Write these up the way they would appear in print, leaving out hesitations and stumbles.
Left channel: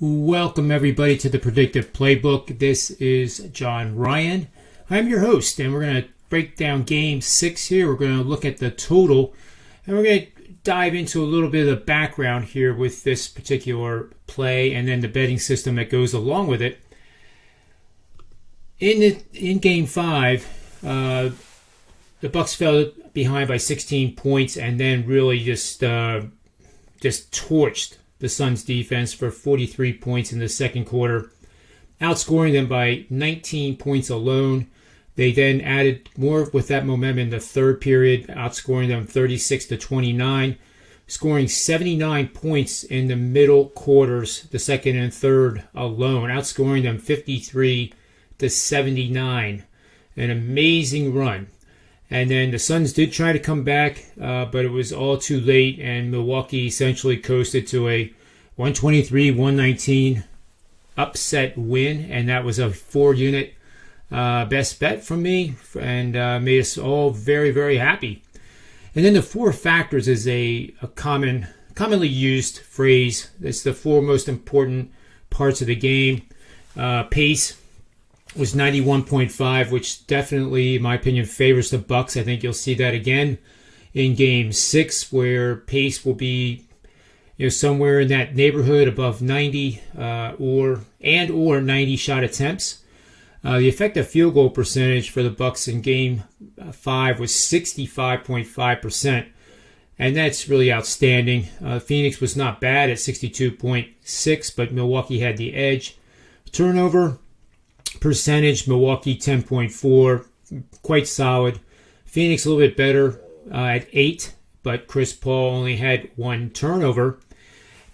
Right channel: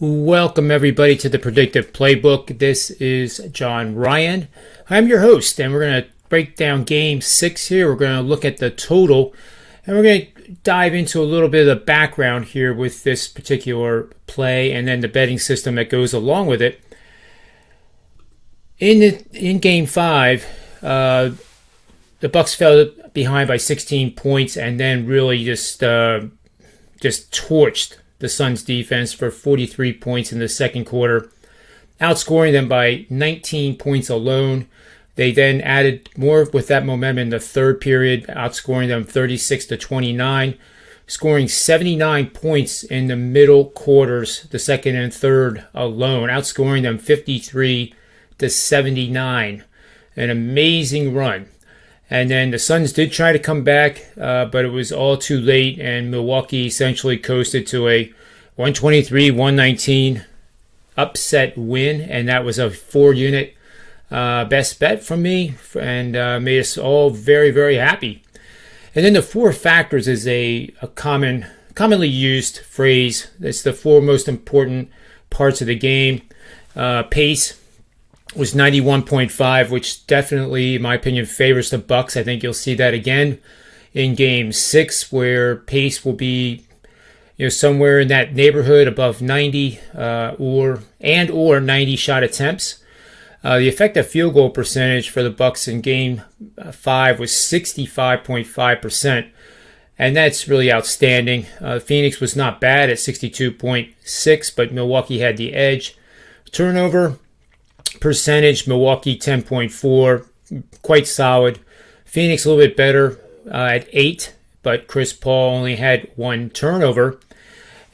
Welcome, everybody, to the Predictive Playbook. This is John Ryan. I'm your host, and we're going to break down Game 6 here. We're going to look at the total, and we're going to dive into a little bit of the background here with this particular play and then the betting system that goes along with it. In Game 5, the Bucks fell behind by 16 points and then really just torched the Suns defense for 43 points in the second quarter, outscoring them by 19 points alone. They then added more with that momentum in the third period, outscoring them 36-29, scoring 79 points in the middle quarters, the second and third alone, outscoring them 53-79. An amazing run. And then the Suns did try to come back, but it was all too late, and Milwaukee essentially coasted to a 123-119 upset win, and that was a 4-unit best bet from me, and made us all very, very happy. And then the four factors is a commonly used phrase. It's the four most important parts of the game. Pace was 91.5, which definitely, in my opinion, favors the Bucks. I think you'll see that again in Game 6, where pace will be, somewhere in that neighborhood above 90 or 90 shot attempts. The effective field goal percentage for the Bucks in Game 5 was 65.5%, and that's really outstanding. Phoenix was not bad at 62.6, but Milwaukee had the edge. Turnover percentage, Milwaukee 10.4, quite solid. Phoenix a little bit better at 8, but Chris Paul only had 1 turnover.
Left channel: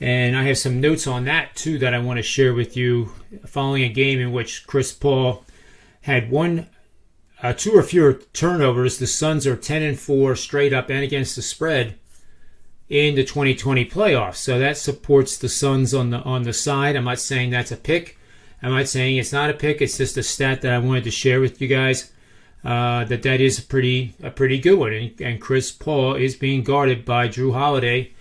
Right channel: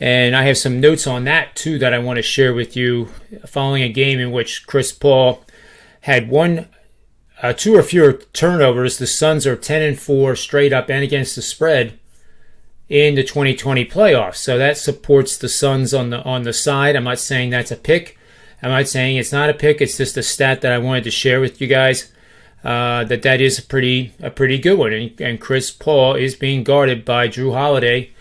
And I have some notes on that too that I want to share with you following a game in which Chris Paul had 2 or fewer turnovers. The Suns are 10-4 straight up and against the spread in the 2020 playoffs. So that supports the Suns on the side. I'm not saying that's a pick. I'm not saying it's not a pick. It's just a stat that I wanted to share with you guys. That is a pretty good one. And Chris Paul is being guarded by Drew Holiday,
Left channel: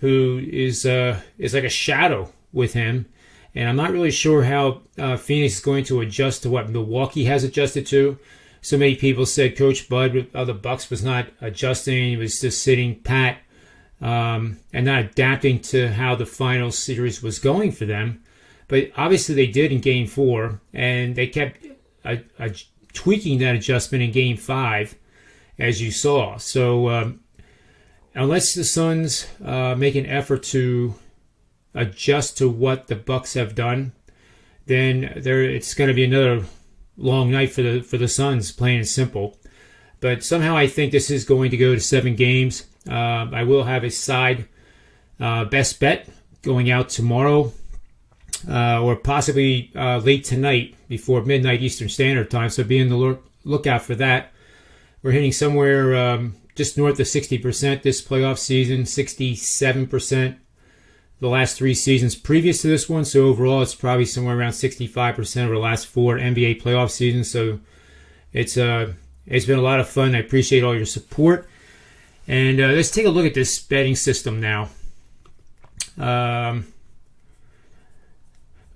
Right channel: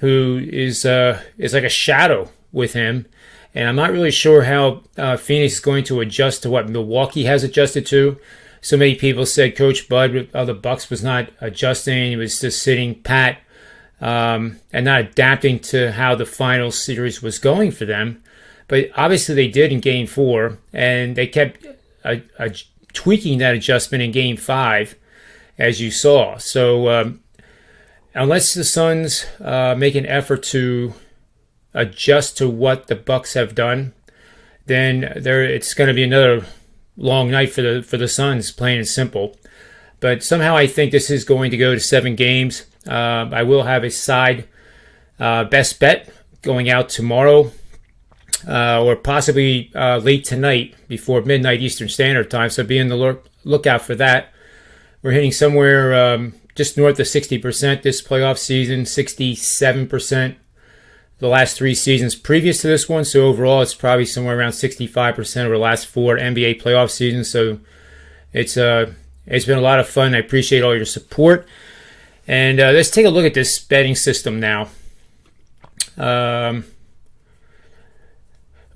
who is like a shadow with him. And I'm not really sure how Phoenix is going to adjust to what Milwaukee has adjusted to. So many people said Coach Bud of the Bucks was not adjusting. He was just sitting pat and not adapting to how the final series was going for them. But obviously they did in Game 4, and they kept tweaking that adjustment in Game 5, as you saw. So unless the Suns make an effort to adjust to what the Bucks have done, then it's going to be another long night for the Suns, plain and simple. But somehow I think this is going to go to 7 games. I will have a side best bet going out tomorrow. Or possibly late tonight before midnight Eastern Standard Time. So be on the lookout for that. We're hitting somewhere just north of 60% this playoff season, 67% the last 3 seasons previous to this one. So overall, it's probably somewhere around 65% over the last 4 NBA playoff seasons. So it's been a lot of fun. I appreciate all your support. And let's take a look at this betting system now.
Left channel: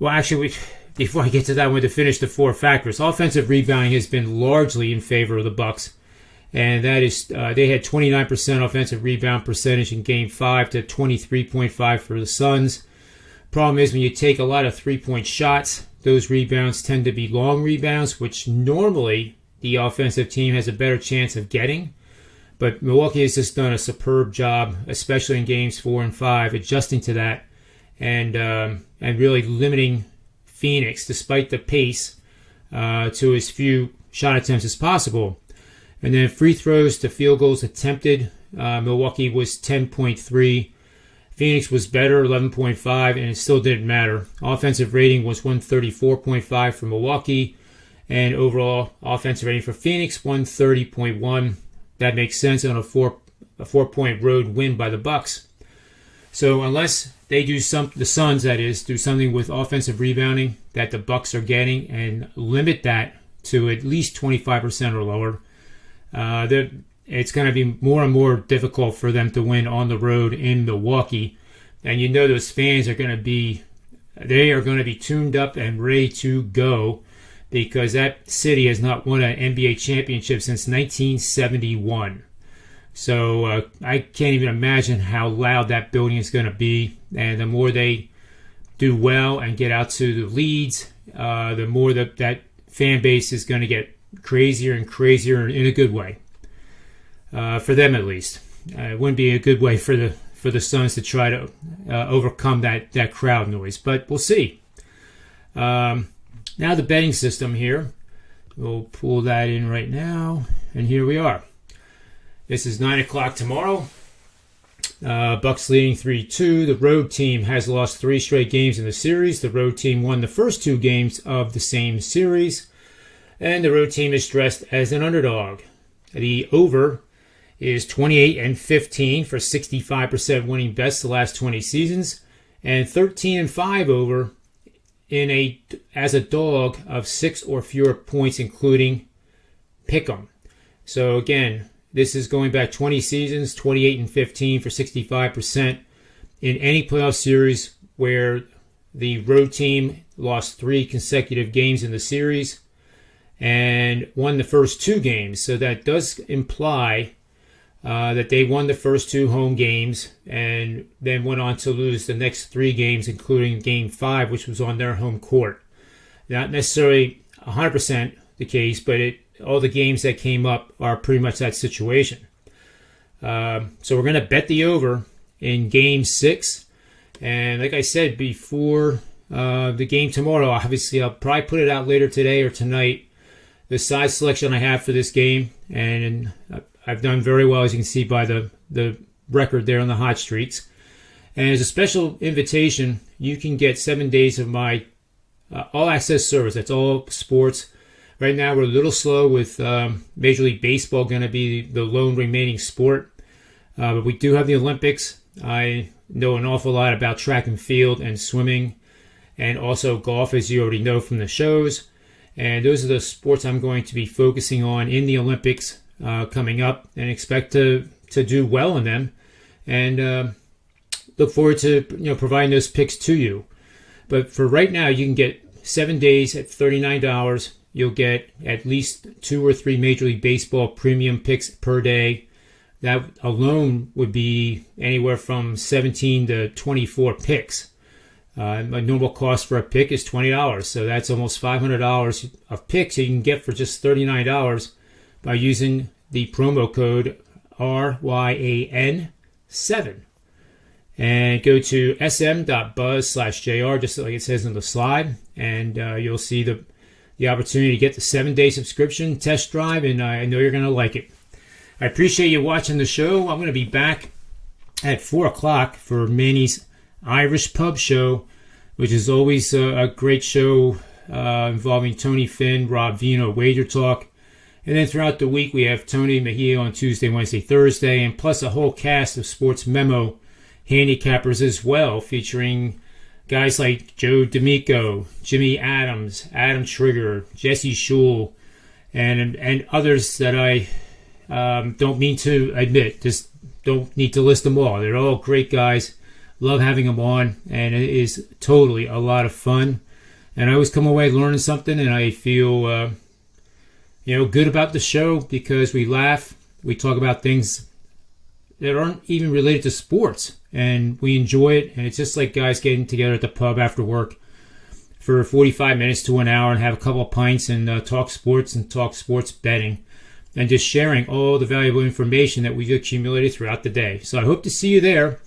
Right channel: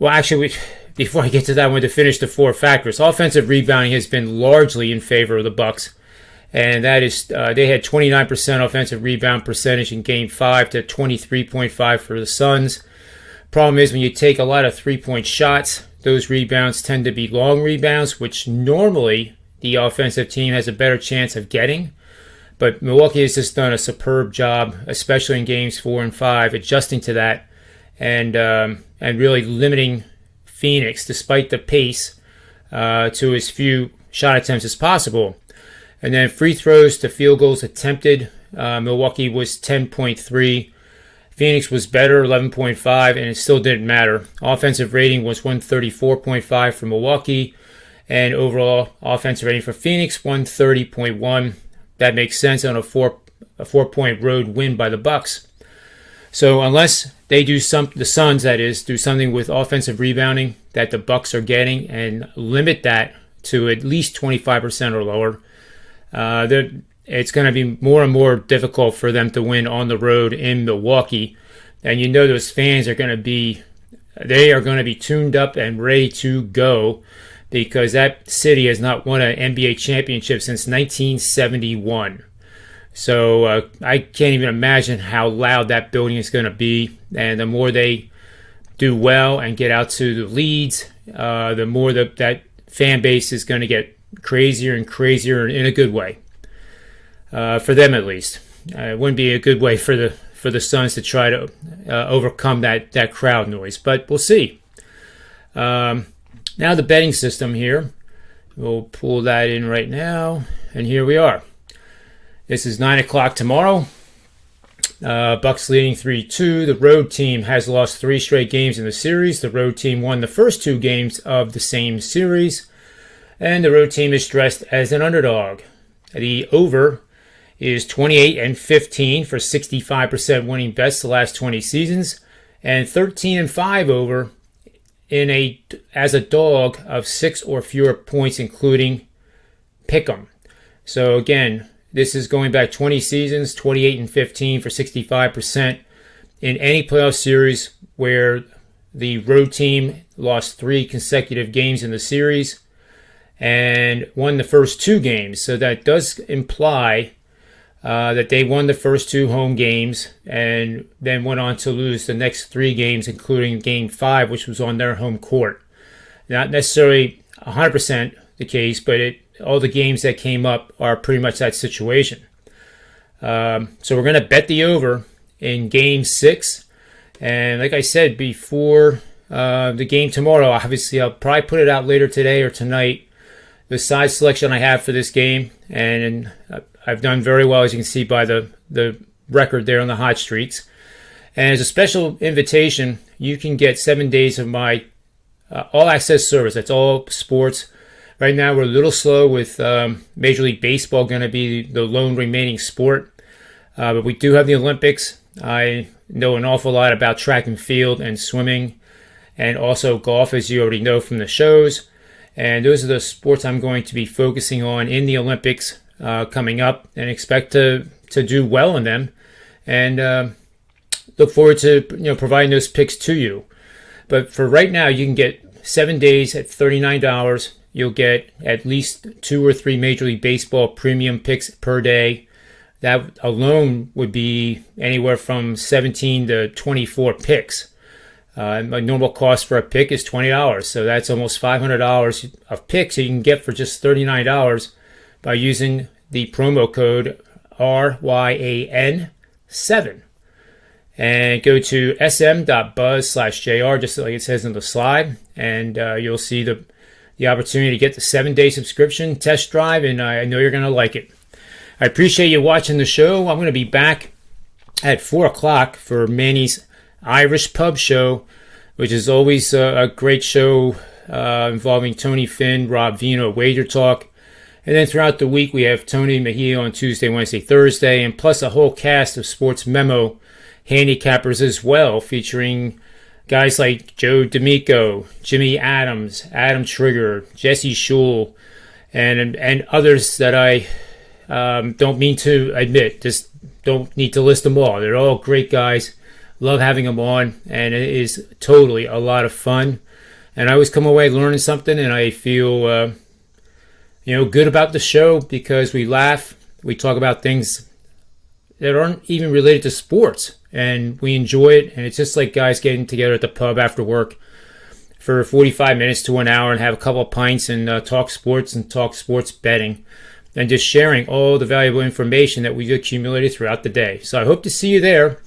Well, actually, before I get to that, I want to finish the 4 factors. Offensive rebounding has been largely in favor of the Bucks, and that is they had 29% offensive rebound percentage in Game 5 to 23.5 for the Suns. Problem is, when you take a lot of 3-point shots, those rebounds tend to be long rebounds, which normally the offensive team has a better chance of getting. But Milwaukee has just done a superb job, especially in Games 4 and 5, adjusting to that. And really limiting Phoenix, despite the pace, to as few shot attempts as possible. And then free throws to field goals attempted, Milwaukee was 10.3. Phoenix was better, 11.5, and it still didn't matter. Offensive rating was 134.5 for Milwaukee, and overall offensive rating for Phoenix, 130.1. That makes sense on a 4-point road win by the Bucks. So unless they do the Suns, that is, do something with offensive rebounding that the Bucks are getting and limit that to at least 25% or lower, it's going to be more and more difficult for them to win on the road in Milwaukee. And those fans are going to be they are going to be tuned up and ready to go because that city has not won an NBA championship since 1971. So I can't even imagine how loud that building is going to be. And the more they do well and get out to the leads, the more that fan base is going to get crazier and crazier in a good way. For them at least. It wouldn't be a good way for the Suns to try to overcome that crowd noise. But we'll see. Now the betting system here. We'll pull that in right now. And here we are. This is 9 o'clock tomorrow. Bucks leading 3-2. The road team has lost 3 straight games in the series. The road team won the first 2 games of the same series. And the road team is dressed as an underdog. The over is 28-15 for 65% winning bets the last 20 seasons. And 13-5 over as a dog of 6 or fewer points, including pick'em. So again, this is going back 20 seasons, 28-15 for 65% in any playoff series where the road team lost 3 consecutive games in the series and won the first 2 games. So that does imply that they won the first 2 home games and then went on to lose the next 3 games, including Game 5, which was on their home court. Not necessarily 100% the case, but all the games that came up are pretty much that situation. So we're going to bet the over in Game 6. And like I said, before the game tomorrow, obviously I'll probably put it out later today or tonight, the side selection I have for this game. And I've done very well, as you can see by the record there on the hot streaks. And as a special invitation, you can get 7 days of my all-access service. That's all sports. Right now, we're a little slow with Major League Baseball going to be the lone remaining sport. But we do have the Olympics. I know an awful lot about track and field and swimming and also golf, as you already know from the shows. And those are the sports I'm going to be focusing on in the Olympics coming up, and expect to do well in them. And look forward to providing those picks to you. But for right now, you can get 7 days at $39. You'll get at least 2 or 3 Major League Baseball premium picks per day. That alone would be anywhere from 17 to 24 picks. My normal cost for a pick is $20, so that's almost $500 of picks you can get for just $39 by using the promo code RYAN7. And go to sm.buzz/JR, just like it says on the slide, and you'll see the opportunity to get the 7-day subscription test drive, and I know you're going to like it. I appreciate you watching the show. I'm going to be back at 4 o'clock for Manny's Irish Pub Show, which is always a great show involving Tony Finn, Rob Vino, Wager Talk. And then throughout the week, we have Tony Mejia on Tuesday, Wednesday, Thursday, and plus a whole cast of Sports Memo handicappers as well, featuring guys like Joe D'Amico, Jimmy Adams, Adam Trigger, Jesse Schul, and others that I don't mean to admit. Just don't need to list them all. They're all great guys. Love having them on, and it is totally a lot of fun. And I always come away learning something, and I feel good about the show because we laugh, we talk about things that aren't even related to sports, and we enjoy it. And it's just like guys getting together at the pub after work for 45 minutes to an hour and have a couple of pints and talk sports and talk sports betting and just sharing all the valuable information that we've accumulated throughout the day. So I hope to see you there.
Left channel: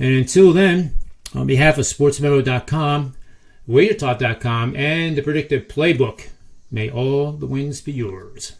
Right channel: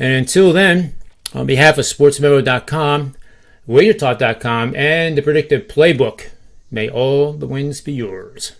And until then, on behalf of SportsMemo.com, WagerTalk.com, and the Predictive Playbook, may all the wins be yours.